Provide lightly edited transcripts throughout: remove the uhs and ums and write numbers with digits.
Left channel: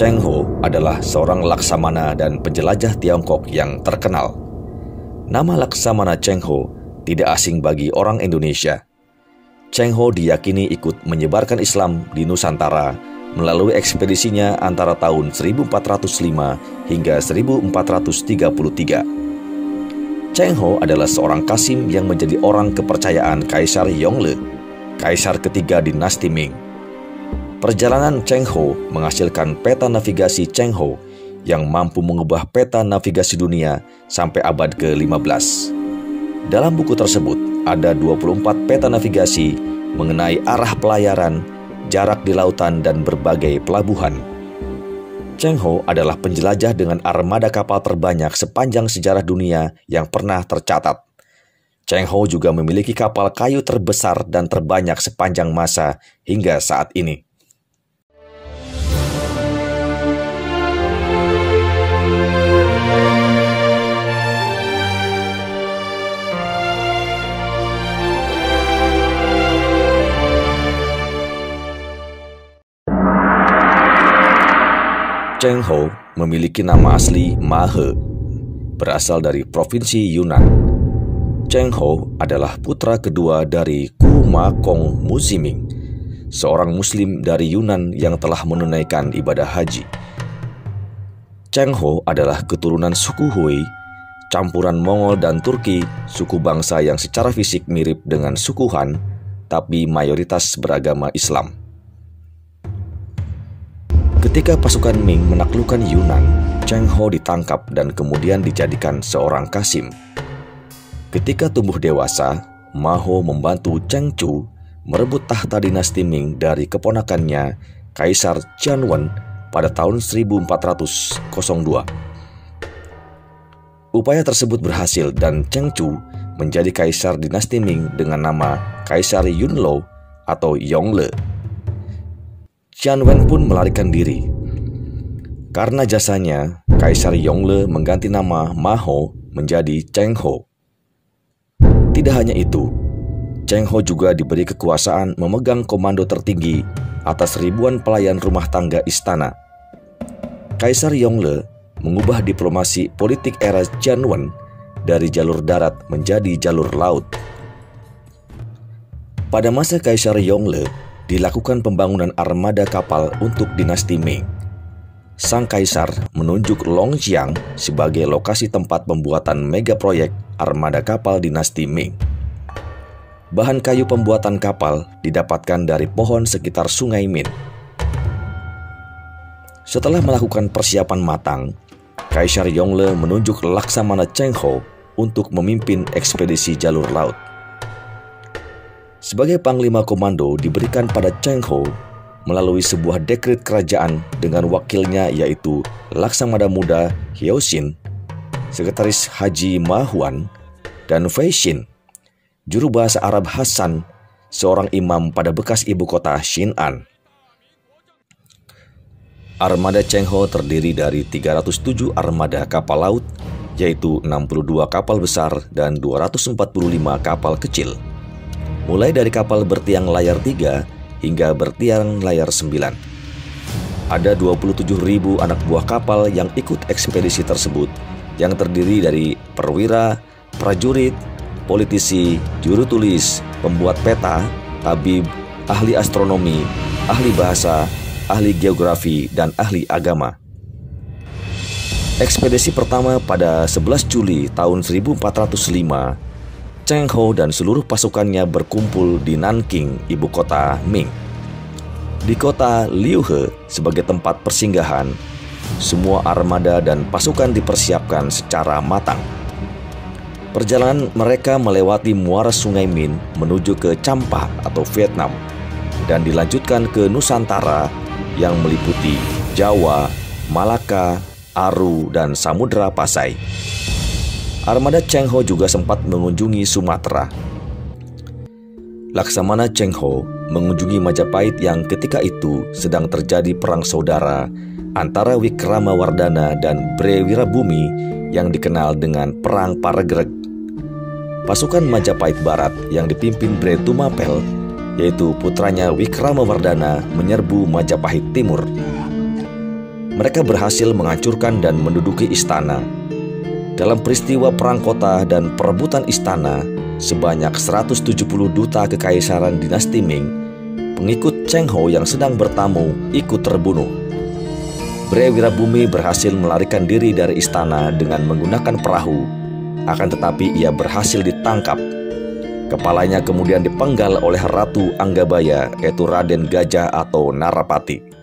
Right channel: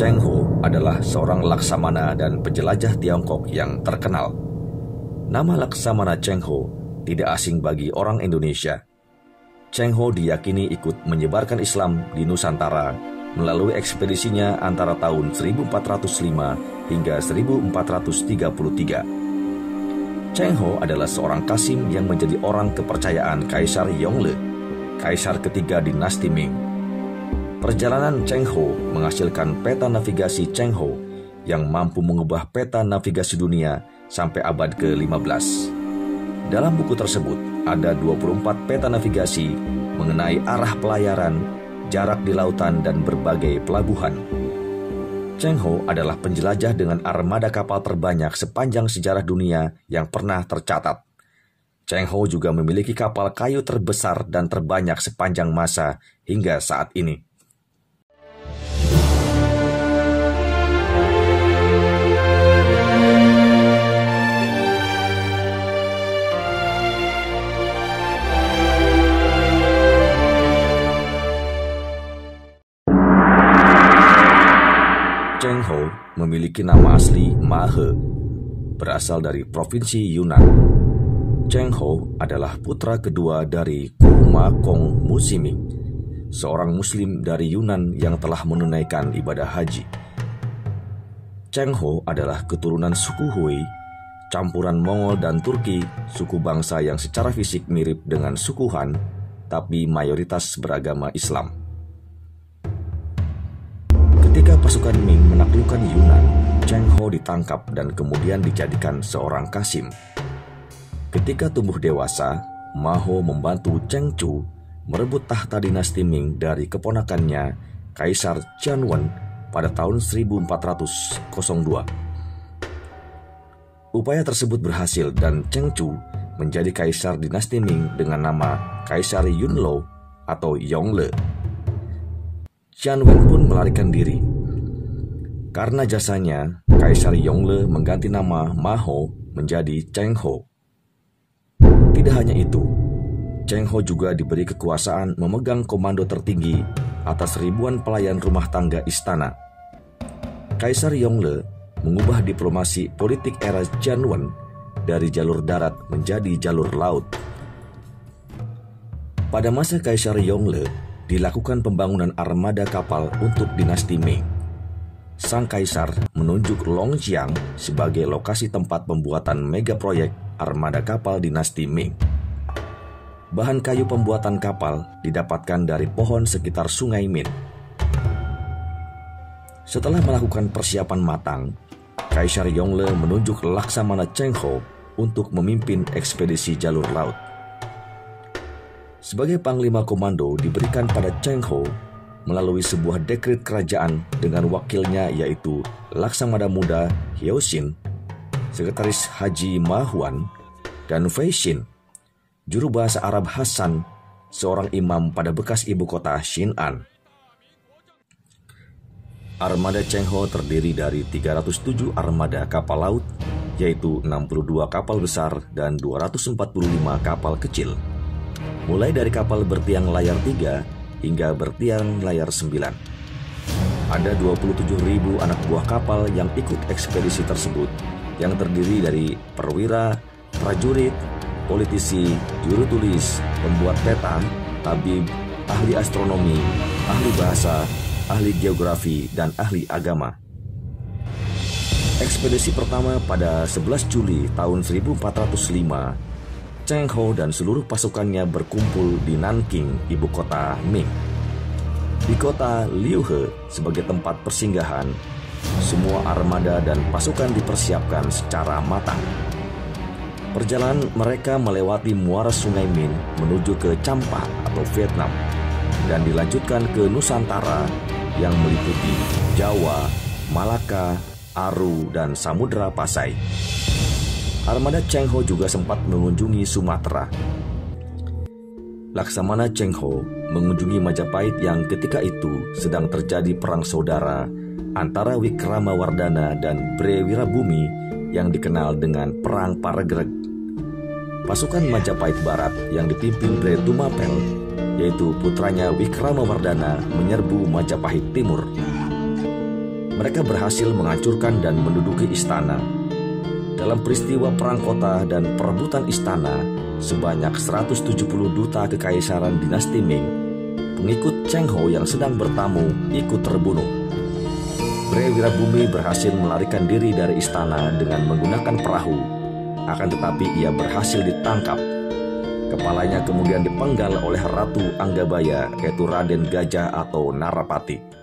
Cheng Ho adalah seorang laksamana dan penjelajah Tiongkok yang terkenal. Nama Laksamana Cheng Ho tidak asing bagi orang Indonesia. Cheng Ho diyakini ikut menyebarkan Islam di Nusantara melalui ekspedisinya antara tahun 1405 hingga 1433. Cheng Ho adalah seorang Qasim yang menjadi orang kepercayaan Kaisar Yongle, kaisar ketiga dinasti Ming. Perjalanan Cheng Ho menghasilkan peta navigasi Cheng Ho yang mampu mengubah peta navigasi dunia sampai abad ke-15. Dalam buku tersebut ada 24 peta navigasi mengenai arah pelayaran, jarak di lautan, dan berbagai pelabuhan. Cheng Ho adalah penjelajah dengan armada kapal terbanyak sepanjang sejarah dunia yang pernah tercatat. Cheng Ho juga memiliki kapal kayu terbesar dan terbanyak sepanjang masa hingga saat ini. Cheng Ho memiliki nama asli Ma He, berasal dari provinsi Yunnan. Cheng Ho adalah putra kedua dari Ku Ma Kong Musiming, seorang muslim dari Yunnan yang telah menunaikan ibadah haji. Cheng Ho adalah keturunan suku Hui, campuran Mongol dan Turki, suku bangsa yang secara fisik mirip dengan suku Han, tapi mayoritas beragama Islam. Ketika pasukan Ming menaklukkan Yunnan, Cheng Ho ditangkap dan kemudian dijadikan seorang Qasim. Ketika tumbuh dewasa, Ma Ho membantu Cheng Chu merebut tahta dinasti Ming dari keponakannya, Kaisar Qianwen, pada tahun 1402. Upaya tersebut berhasil dan Cheng Chu menjadi Kaisar dinasti Ming dengan nama Kaisar Yunlou atau Yongle. Qianwen pun melarikan diri. Karena jasanya, Kaisar Yongle mengganti nama Ma Ho menjadi Cheng Ho. Tidak hanya itu, Cheng Ho juga diberi kekuasaan memegang komando tertinggi atas ribuan pelayan rumah tangga istana. Kaisar Yongle mengubah diplomasi politik era Qianwen dari jalur darat menjadi jalur laut. Pada masa Kaisar Yongle, dilakukan pembangunan armada kapal untuk dinasti Ming. Sang kaisar menunjuk Longqiang sebagai lokasi tempat pembuatan mega proyek armada kapal dinasti Ming. Bahan kayu pembuatan kapal didapatkan dari pohon sekitar Sungai Min. Setelah melakukan persiapan matang, Kaisar Yongle menunjuk Laksamana Cheng Ho untuk memimpin ekspedisi jalur laut. Sebagai panglima komando diberikan pada Cheng Ho melalui sebuah dekret kerajaan dengan wakilnya yaitu Laksamana Muda Hyosin, Sekretaris Haji Ma Huan, dan Fei Xin, juru bahasa Arab Hasan, seorang imam pada bekas ibu kota Xin'an. Armada Cheng Ho terdiri dari 307 armada kapal laut, yaitu 62 kapal besar dan 245 kapal kecil. Mulai dari kapal bertiang layar 3 hingga bertiang layar 9. Ada 27.000 anak buah kapal yang ikut ekspedisi tersebut, yang terdiri dari perwira, prajurit, politisi, juru tulis, pembuat peta, tabib, ahli astronomi, ahli bahasa, ahli geografi, dan ahli agama. Ekspedisi pertama pada 11 Juli tahun 1405, Cheng Ho dan seluruh pasukannya berkumpul di Nanking, ibu kota Ming. Di kota Liuhe sebagai tempat persinggahan, semua armada dan pasukan dipersiapkan secara matang. Perjalanan mereka melewati muara Sungai Min menuju ke Champa atau Vietnam dan dilanjutkan ke Nusantara yang meliputi Jawa, Malaka, Aru, dan Samudra Pasai. Armada Cheng Ho juga sempat mengunjungi Sumatera. Laksamana Cheng Ho mengunjungi Majapahit yang ketika itu sedang terjadi perang saudara antara Wikramawardhana dan Bre Wirabumi yang dikenal dengan Perang Paregreg. Pasukan Majapahit Barat yang dipimpin Bre Tumapel, yaitu putranya Wikramawardhana, menyerbu Majapahit Timur. mereka berhasil menghancurkan dan menduduki istana. Dalam peristiwa perang kota dan perebutan istana, sebanyak 170 duta kekaisaran dinasti Ming, pengikut Cheng Ho yang sedang bertamu, ikut terbunuh. Bre Wirabumi berhasil melarikan diri dari istana dengan menggunakan perahu, akan tetapi ia berhasil ditangkap. Kepalanya kemudian dipenggal oleh Ratu Anggabaya, yaitu Raden Gajah atau Narapati.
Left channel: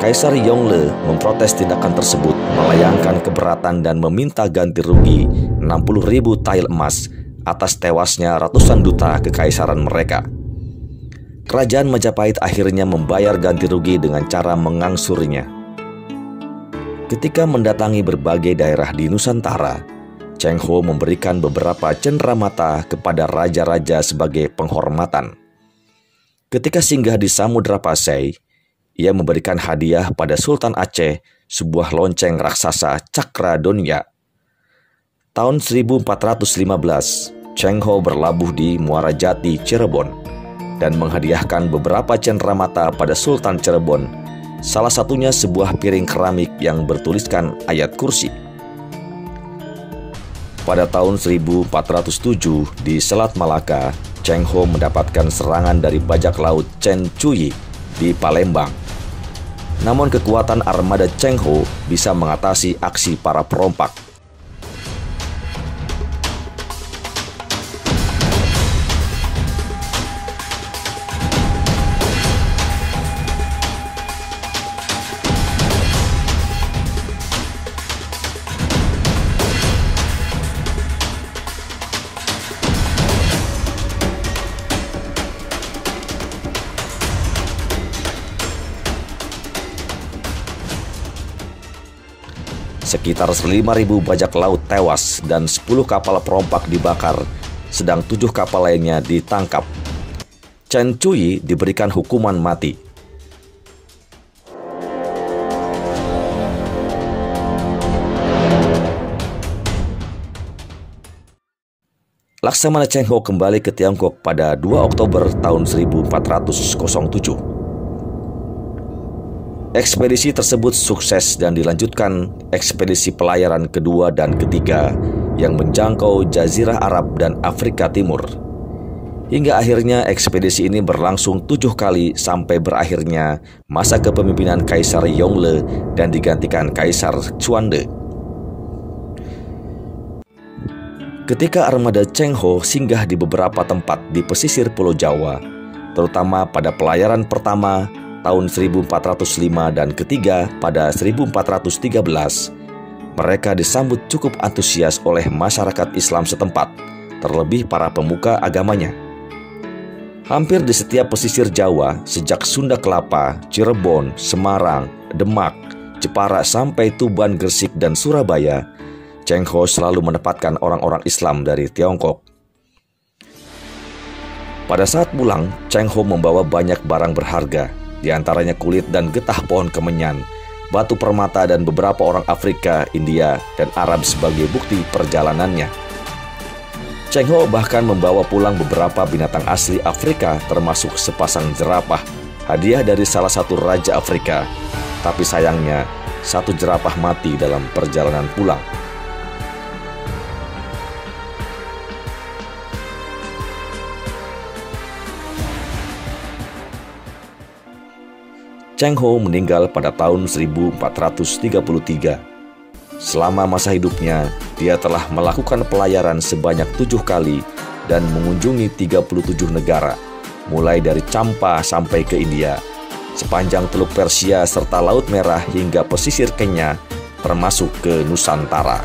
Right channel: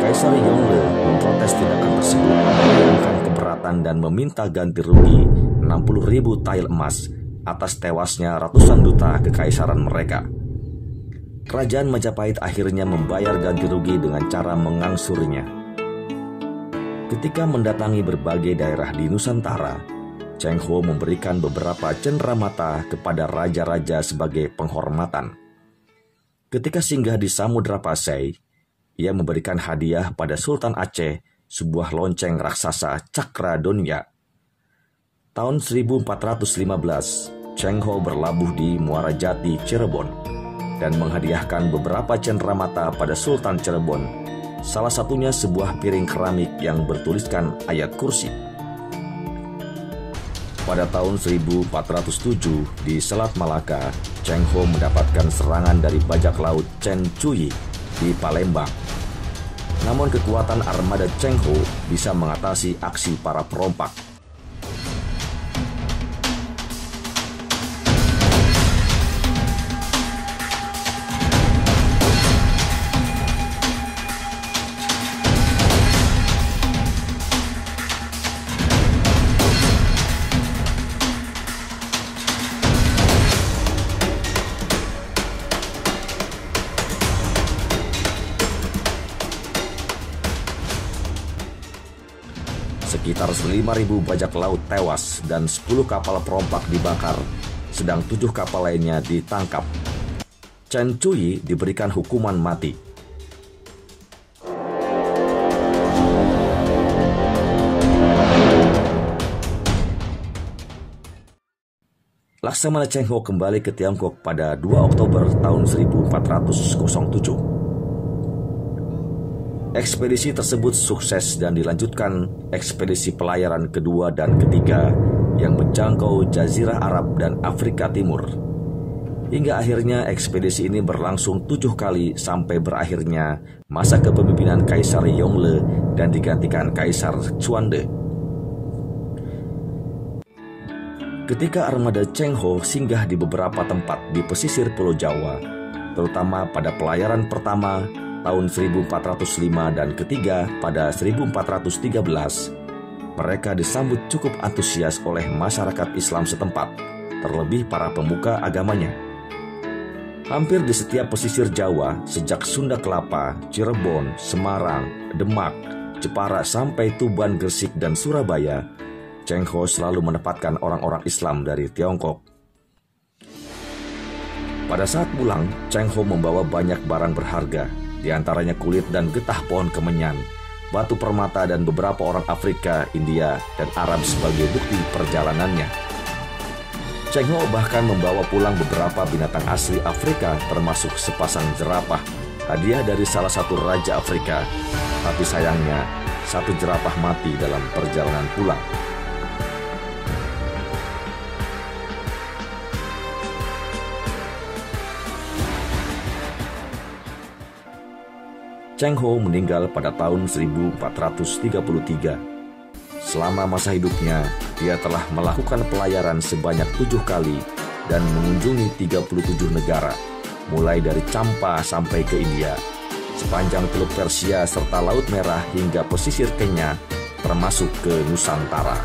Kaisar Yongle memprotes tindakan tersebut, melayangkan keberatan dan meminta ganti rugi 60.000 tael emas atas tewasnya ratusan duta kekaisaran mereka. Kerajaan Majapahit akhirnya membayar ganti rugi dengan cara mengangsurnya. Ketika mendatangi berbagai daerah di Nusantara, Cheng Ho memberikan beberapa cenderamata kepada raja-raja sebagai penghormatan. Ketika singgah di Samudra Pasai, ia memberikan hadiah pada Sultan Aceh sebuah lonceng raksasa Cakra Donya. Tahun 1415, Cheng Ho berlabuh di Muara Jati, Cirebon, dan menghadiahkan beberapa cenderamata pada Sultan Cirebon, salah satunya sebuah piring keramik yang bertuliskan ayat kursi. Pada tahun 1407 di Selat Malaka, Cheng Ho mendapatkan serangan dari bajak laut Chen Chuyi di Palembang. Namun kekuatan armada Cheng Ho bisa mengatasi aksi para perompak. Sekitar 5.000 bajak laut tewas dan 10 kapal perompak dibakar, sedang 7 kapal lainnya ditangkap. Chen Chuyi diberikan hukuman mati. Laksamana Cheng Ho kembali ke Tiongkok pada 2 Oktober tahun 1407. Ekspedisi tersebut sukses dan dilanjutkan ekspedisi pelayaran kedua dan ketiga yang menjangkau Jazirah Arab dan Afrika Timur. Hingga akhirnya ekspedisi ini berlangsung 7 kali sampai berakhirnya masa kepemimpinan Kaisar Yongle dan digantikan Kaisar Xuande. Ketika armada Cheng Ho singgah di beberapa tempat di pesisir Pulau Jawa, terutama pada pelayaran pertama tahun 1405 dan ketiga pada 1413, mereka disambut cukup antusias oleh masyarakat Islam setempat, terlebih para pemuka agamanya. Hampir di setiap pesisir Jawa, sejak Sunda Kelapa, Cirebon, Semarang, Demak, Jepara sampai Tuban, Gresik, dan Surabaya, Cheng Ho selalu menempatkan orang-orang Islam dari Tiongkok. Pada saat pulang, Cheng Ho membawa banyak barang berharga, di antaranya kulit dan getah pohon kemenyan, batu permata, dan beberapa orang Afrika, India, dan Arab sebagai bukti perjalanannya. Cheng Ho bahkan membawa pulang beberapa binatang asli Afrika termasuk sepasang jerapah, hadiah dari salah satu raja Afrika. Tapi sayangnya, satu jerapah mati dalam perjalanan pulang. Cheng Ho meninggal pada tahun 1433. Selama masa hidupnya, dia telah melakukan pelayaran sebanyak 7 kali dan mengunjungi 37 negara, mulai dari Champa sampai ke India, sepanjang Teluk Persia serta Laut Merah hingga pesisir Kenya, termasuk ke Nusantara.